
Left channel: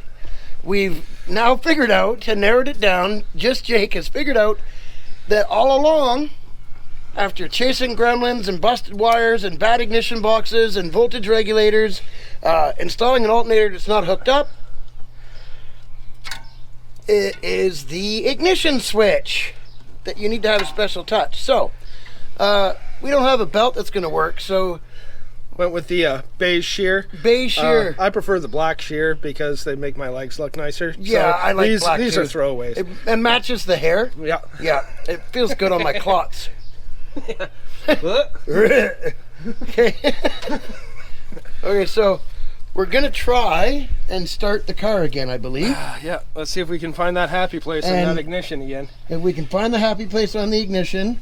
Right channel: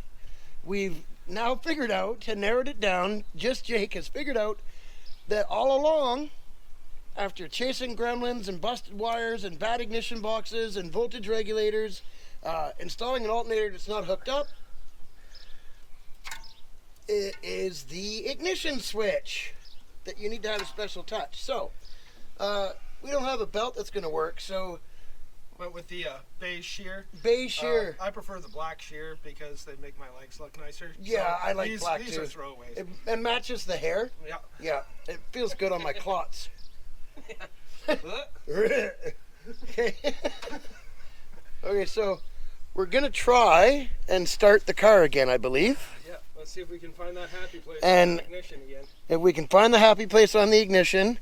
We've now figured out and narrowed it down. Just Jake has figured out that all along, after chasing gremlins and busted wires and bad ignition boxes and voltage regulators, installing an alternator that's not hooked up, it is the ignition switch that you need to have a special touch. So we don't have a belt that's going to work, so Went with the beige shear. beige shear. I prefer the black shear because they make my legs look nicer. Yeah, I like these, black These shear. are throwaways. It matches the hair. Yeah. Yeah, it feels good on my clots. Okay. Okay, so we're gonna try and start the car again, I believe. Yeah, let's see if we can find that happy place And- in that ignition again. If we can find the happy place on the ignition,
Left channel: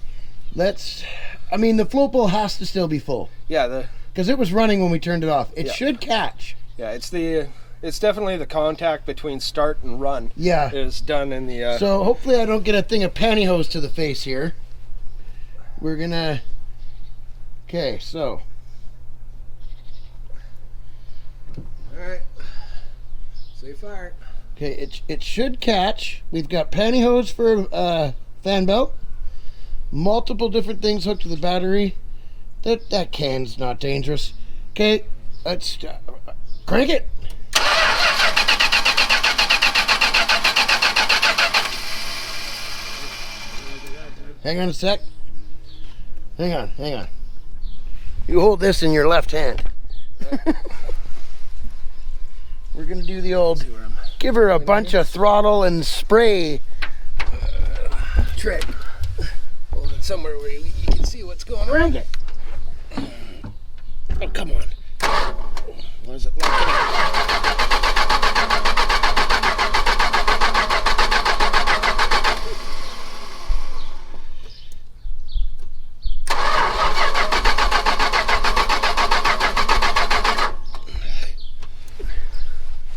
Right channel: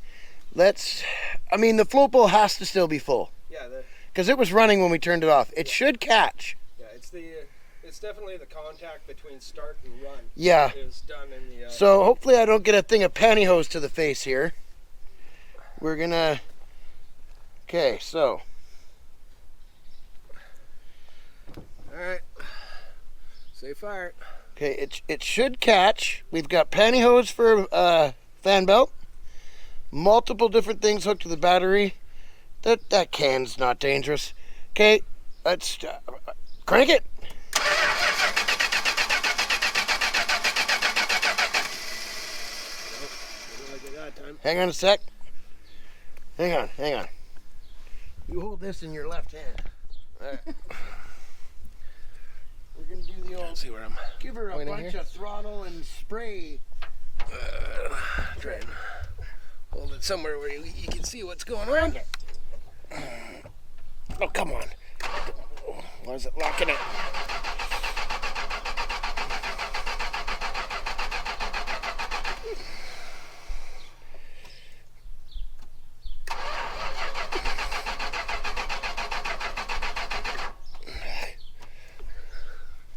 I mean, the float bowl has to still be full, Yeah, because it was running when we turned it off. It Yeah. should catch. it's definitely the contact between start and run Yeah. is done in the So hopefully I don't get a thing of pantyhose to the face here. We're gonna. Okay, so. Alright. Say fire. Okay, it should catch. We've got pantyhose for fan belt. Multiple different things hooked to the battery. That can's not dangerous. Okay, let's crank it. Hang on a sec. Hang on. You hold this in your left hand. We're gonna do the old See where I'm give her a bunch of throttle and spray trick. hold it somewhere where you can see what's going on. Crank it. Oh, come on. Why is it locking up?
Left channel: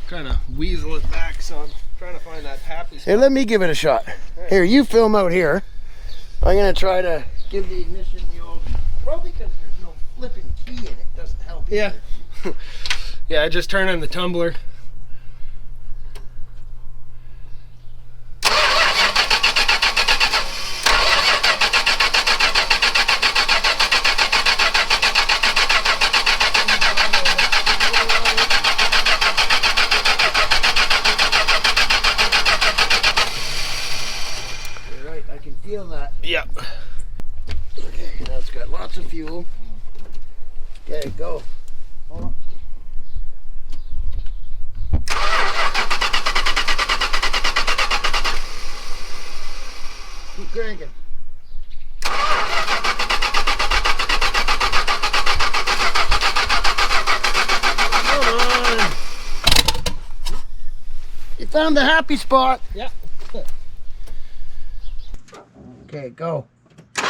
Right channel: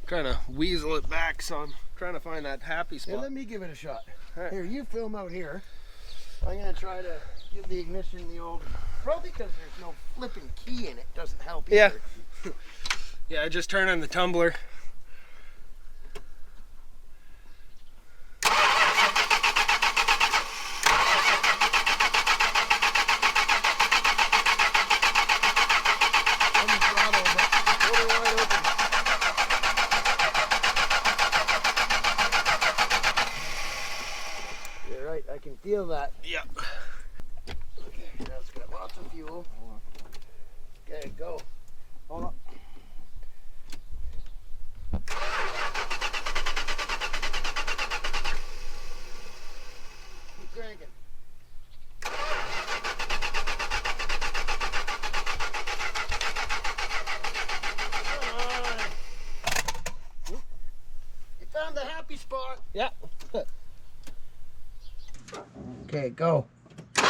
Trying to weasel it back, so I'm trying to find that happy spot. Hey, let me give it a shot. Here, you film out here. I'm gonna try to give the ignition the old. Probably because there's no flipping key in it, doesn't help. Yeah. either. Yeah, I just turn on the tumbler. You're right. I can feel that. Yep. Okay, now it's got lots of fuel. Okay, go. Hold on. Keep cranking. found the happy spot. Yeah. Okay, go. Come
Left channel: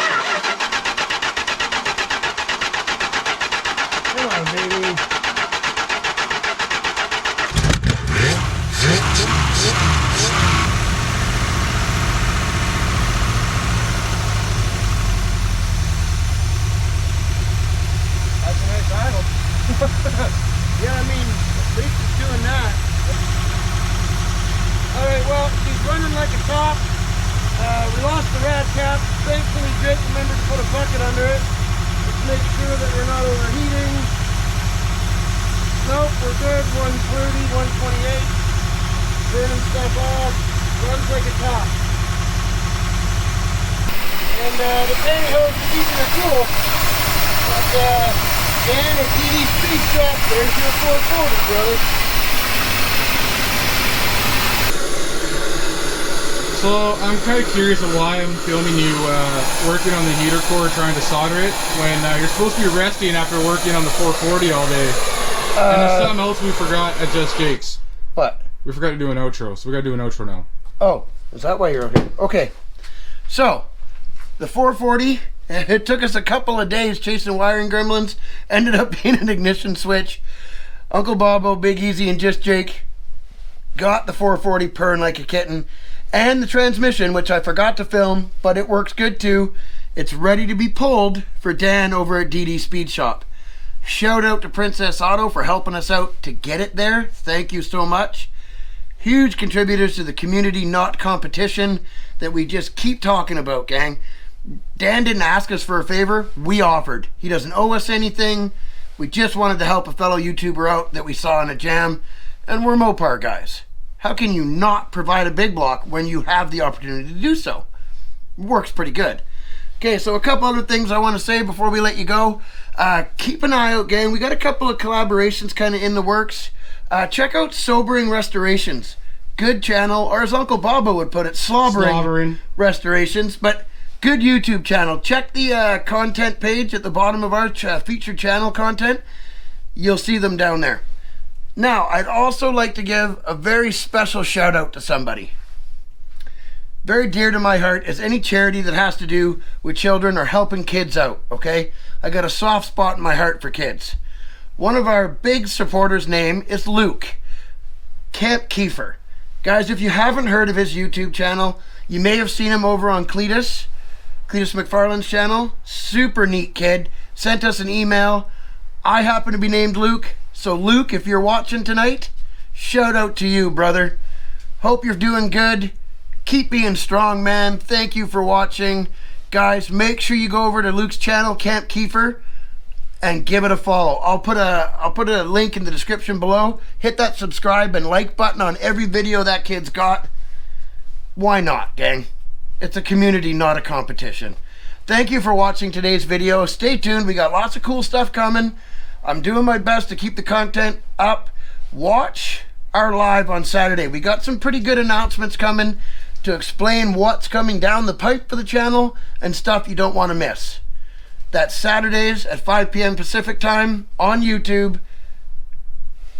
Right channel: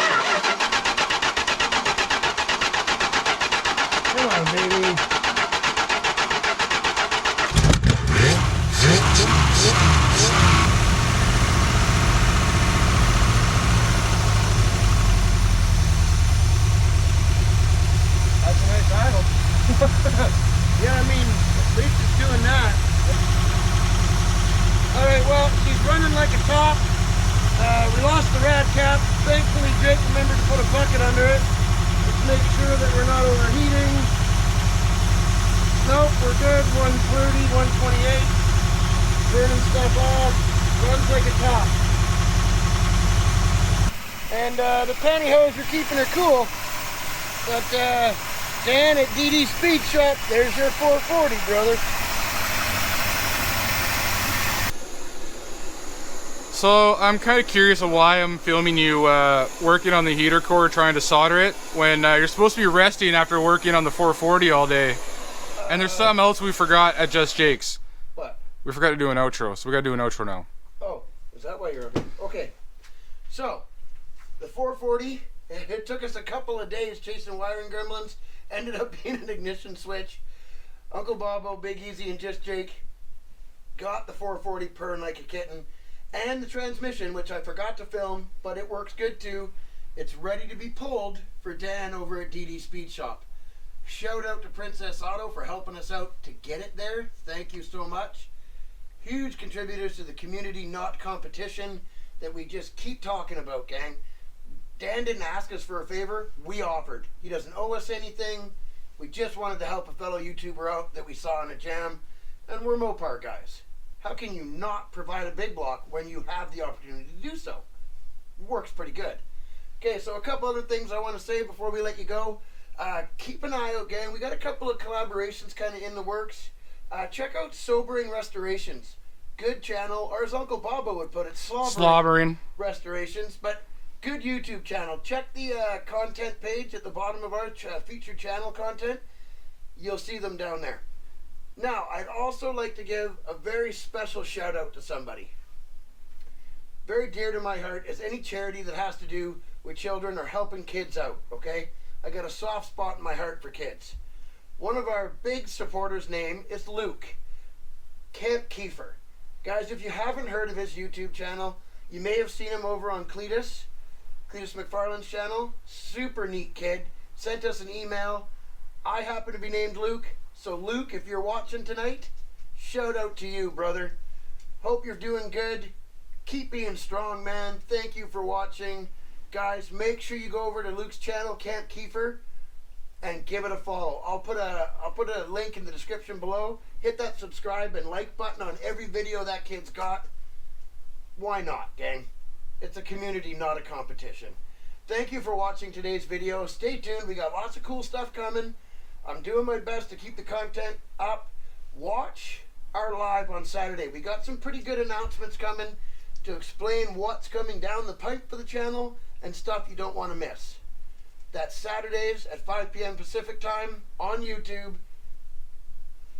on, baby. That's a nice idle. Yeah, I mean, at least it's doing that. All right, well, she's running like a top. We lost the rad cap. Thankfully, Jake remembered to put a bucket under it. Let's make sure that we're not overheating. Nope, we're good. 130, 128. Burning stuff off. Runs like a top. And the pantyhose are keeping her cool. But Dan at DD Speed Shop, there's your 440, brother. So I'm kind of curious of why I'm filming you working on the heater core, trying to solder it, when you're supposed to be resting after working on the 440 all day. And there's something else we forgot at Just Jake's. What? We forgot to do an outro, so we gotta do an outro now. Oh, is that why you're okay? Okay. So, the 440, it took us a couple of days chasing wiring gremlins, ended up being an ignition switch. Uncle Bobo, Big Easy, and Just Jake got the 440 purring like a kitten. And the transmission, which I forgot to film, but it works good too. It's ready to be pulled for Dan over at DD Speed Shop. Shout out to Princess Auto for helping us out to get it there. Thank you so much. Huge contributors to the community, not competition, that we just keep talking about, gang. Dan didn't ask us for a favor. We offered. He doesn't owe us anything. We just wanted to help a fellow YouTuber out that we saw in a jam. And we're Mopar guys. How can you not provide a big block when you have the opportunity to do so? Works pretty good. Okay, so a couple other things I want to say before we let you go. Keep an eye out, gang. We got a couple of collaborations kind of in the works. Check out Sobering Restorations. Good channel, or as Uncle Bobo would put it, slobbering restorations. But good YouTube channel. Check the content page at the bottom of our featured channel content. You'll see them down there. Now, I'd also like to give a very special shout out to somebody. Very dear to my heart is any charity that has to do with children or helping kids out, okay? I got a soft spot in my heart for kids. One of our big supporters' name is Luke, Camp Keefer. Guys, if you haven't heard of his YouTube channel, you may have seen him over on Cletus McFarland's channel. Super neat kid. Sent us an email. I happen to be named Luke. So Luke, if you're watching tonight, shout out to you, brother. Hope you're doing good. Keep being strong, man. Thank you for watching. Guys, make sure you go over to Luke's channel, Camp Keefer, and give it a follow. I'll put a link in the description below. Hit that subscribe and like button on every video that kid's got. Why not, gang? It's a community, not a competition. Thank you for watching today's video. Stay tuned. We got lots of cool stuff coming. I'm doing my best to keep the content up. Watch our live on Saturday. We got some pretty good announcements coming to explain what's coming down the pipe for the channel and stuff you don't want to miss. That's Saturdays at 5 p.m. Pacific time on YouTube.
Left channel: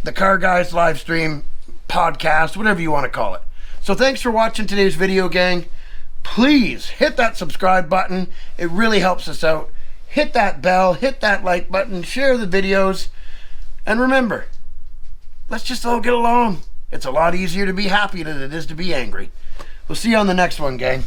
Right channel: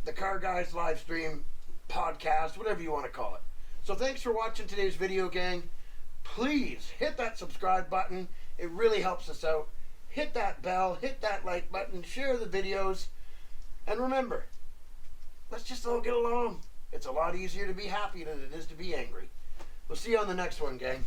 The Car Guys live stream, podcast, whatever you want to call it. So thanks for watching today's video, gang. Please hit that subscribe button. It really helps us out. Hit that bell, hit that like button, share the videos. And remember, let's just all get along. It's a lot easier to be happy than it is to be angry. We'll see you on the next one, gang.